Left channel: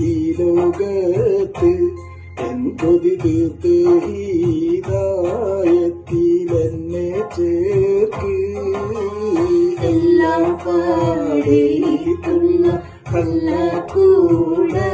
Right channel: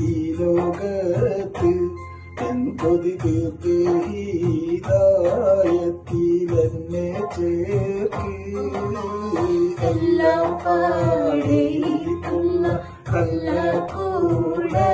ഈ ലോകത്ത് എൻ കൊതി തീർത്ത് ഹീതായത്തിലെന്നെ ചേർക്ക് എല്ലാം പാടിയിട്ടുള്ള കല്ല കൂടെ